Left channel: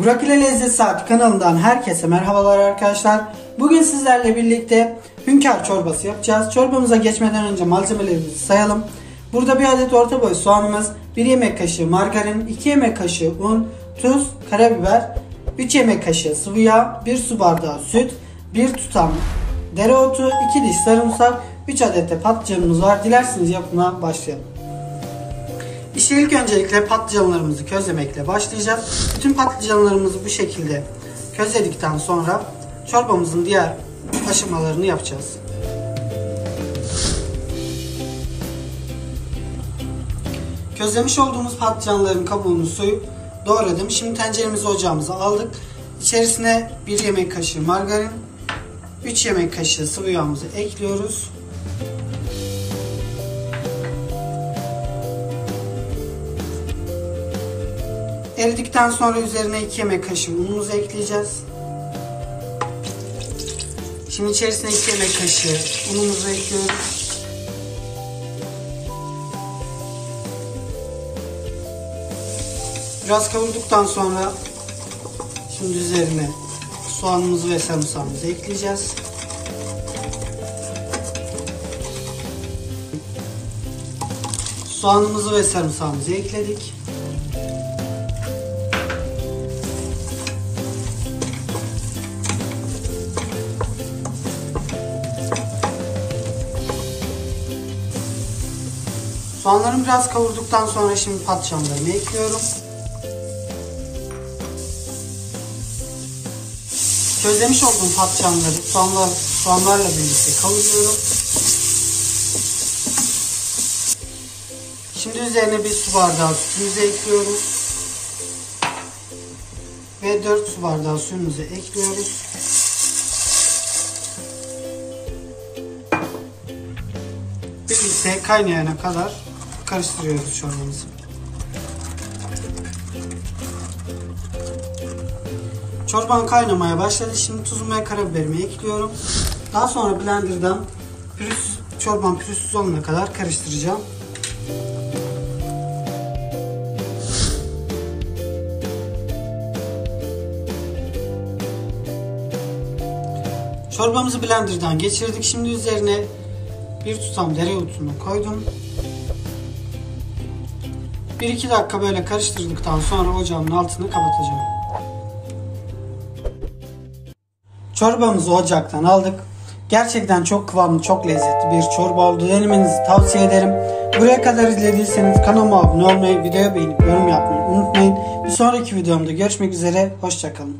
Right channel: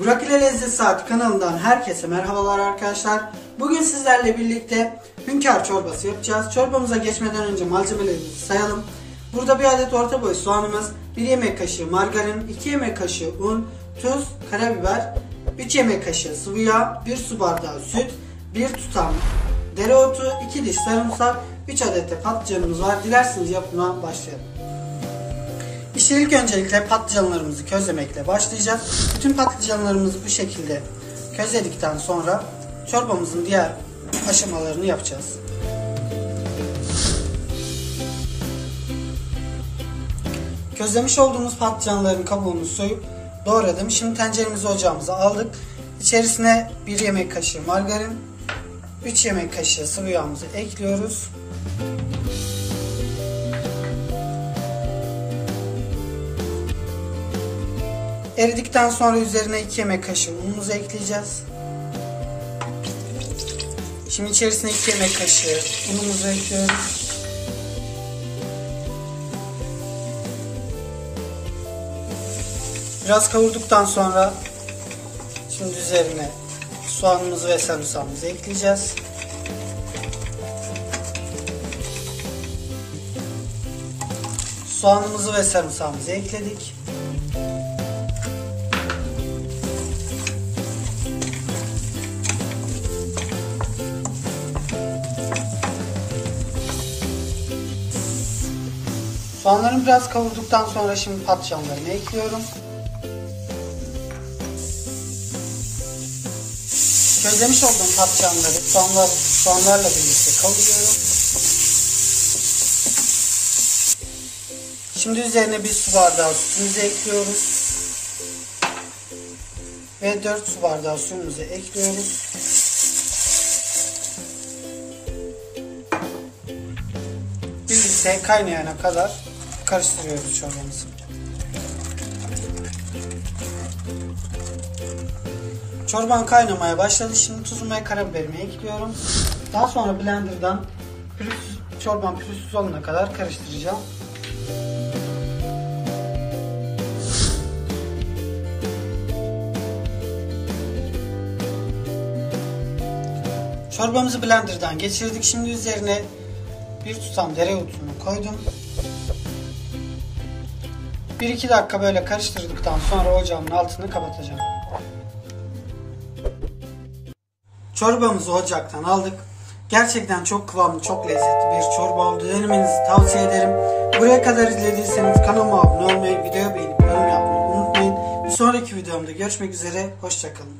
Burak ile Lezzet Saati kanalından herkese merhabalar arkadaşlar. Bugün sizlerle birlikte hünkâr çorbası yapacağız. Çorbamıza geçmeden önce malzemelerimizi sayalım. Burada bir adet orta boy soğanımız, 1 yemek kaşığı margarin, 2 yemek kaşığı un, tuz, karabiber, 3 yemek kaşığı sıvı yağ, 1 su bardağı süt, 1 tutam dereotu, 2 diş sarımsak, 3 adet de patlıcanımız var. Dilerseniz yapımına başlayalım. İşte ilk öncelikle patlıcanlarımızı közlemekle başlayacağız. Bütün patlıcanlarımızı bu şekilde közledikten sonra çorbamızın diğer aşamalarını yapacağız. Közlemiş olduğumuz patlıcanların kabuğunu soyup doğradım. Şimdi tenceremizi ocağımıza aldık. İçerisine 1 yemek kaşığı margarin, 3 yemek kaşığı sıvı yağımızı ekliyoruz. Eridikten sonra üzerine 2 yemek kaşığı unumuzu ekleyeceğiz. Şimdi içerisine 2 yemek kaşığı unumuzu ekliyoruz. Biraz kavurduktan sonra şimdi üzerine soğanımızı ve sarımsağımızı ekleyeceğiz. Soğanımızı ve sarımsağımızı ekledik. Soğanlarımı biraz kavurduktan sonra şimdi patlıcanlarını ekliyorum. Közlemiş olduğum patlıcanları soğanlarla birlikte kavuruyorum. Şimdi üzerine 1 su bardağı sütümüzü ekliyoruz. Ve 4 su bardağı suyumuzu ekliyoruz. Birlikte kaynayana kadar karıştırıyoruz çorbamızı. Çorban kaynamaya başladı. Şimdi tuzumu ve karabiberimi ekliyorum. Daha sonra blenderdan çorban pürüzsüz olana kadar karıştıracağım. Çorbamızı blenderdan geçirdik. Şimdi üzerine 1 tutam dereotunu koydum. 1-2 dakika böyle karıştırdıktan sonra ocağımın altını kapatacağım. Çorbamızı ocaktan aldık. Gerçekten çok kıvamlı, çok lezzetli bir çorba oldu. Denemenizi tavsiye ederim. Buraya kadar izlediyseniz kanalıma abone olmayı, videoyu beğenip yorum yapmayı unutmayın. Bir sonraki videomda görüşmek üzere. Hoşça kalın.